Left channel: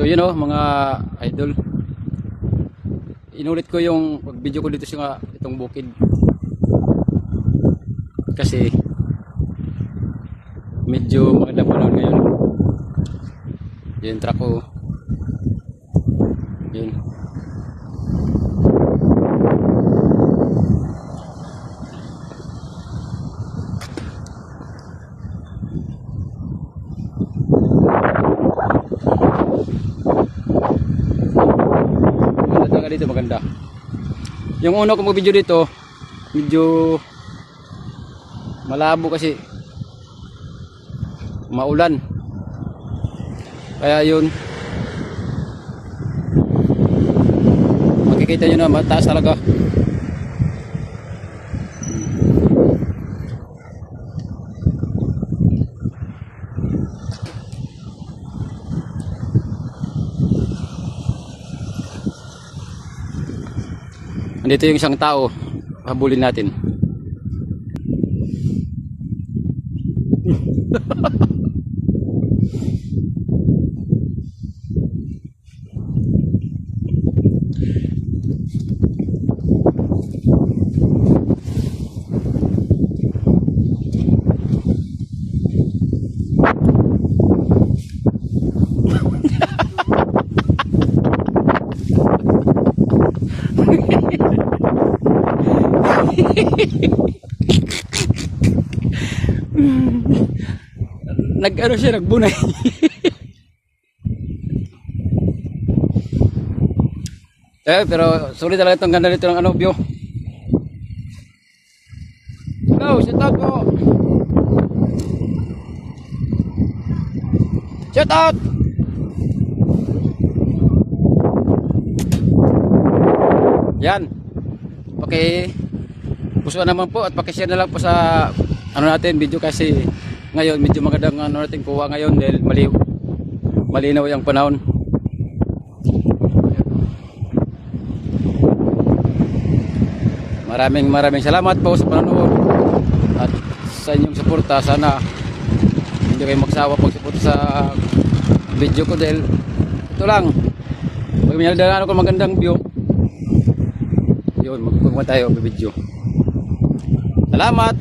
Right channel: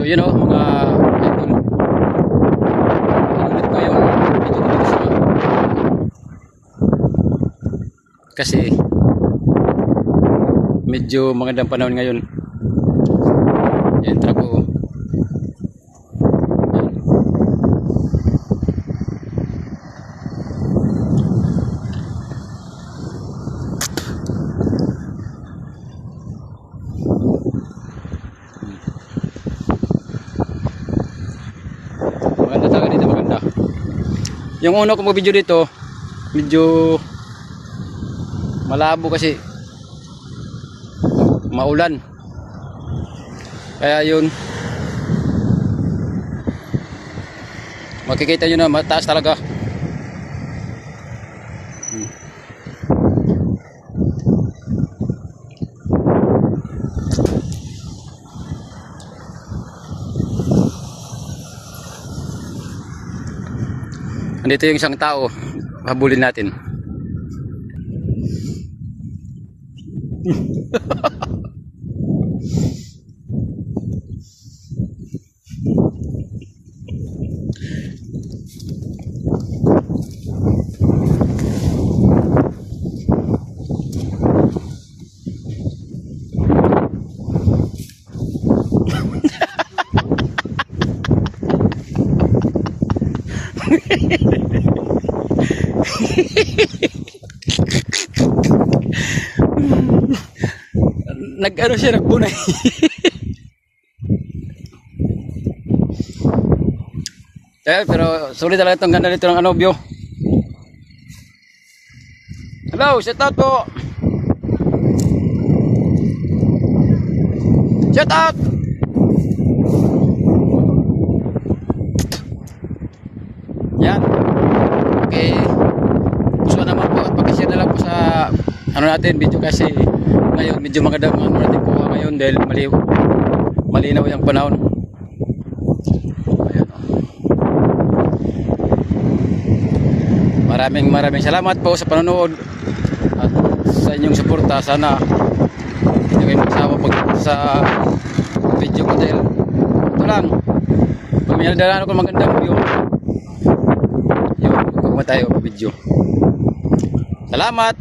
So yun o mga idol, inulit ko yung video ko dito sa kasi medyo magandang panahon ngayon. Yan truck ko. Yan. Maganda talaga dito, maganda. Yung una kong video dito medyo malabo kasi maulan, kaya yun makikita nyo na mataas talaga. Andito yung isang tao, habulin natin. Nag-ano siya, nagbunay. Pero sulit talaga itong ganda nito ng ano, view. Hello, shout out po. Shout out. Yan. Okay. Gusto naman po at pakishare na lang po sa ano natin video kasi ngayon medyo magandang ano natin kuha ngayon dahil malinaw yung panahon. Maraming salamat po sa panonood at sa inyong suporta. Sana hindi kayo magsawa pag sa video ko dahil ito lang, pag may nagdala ako magandang view yun, kukuha tayo sa video. Salamat.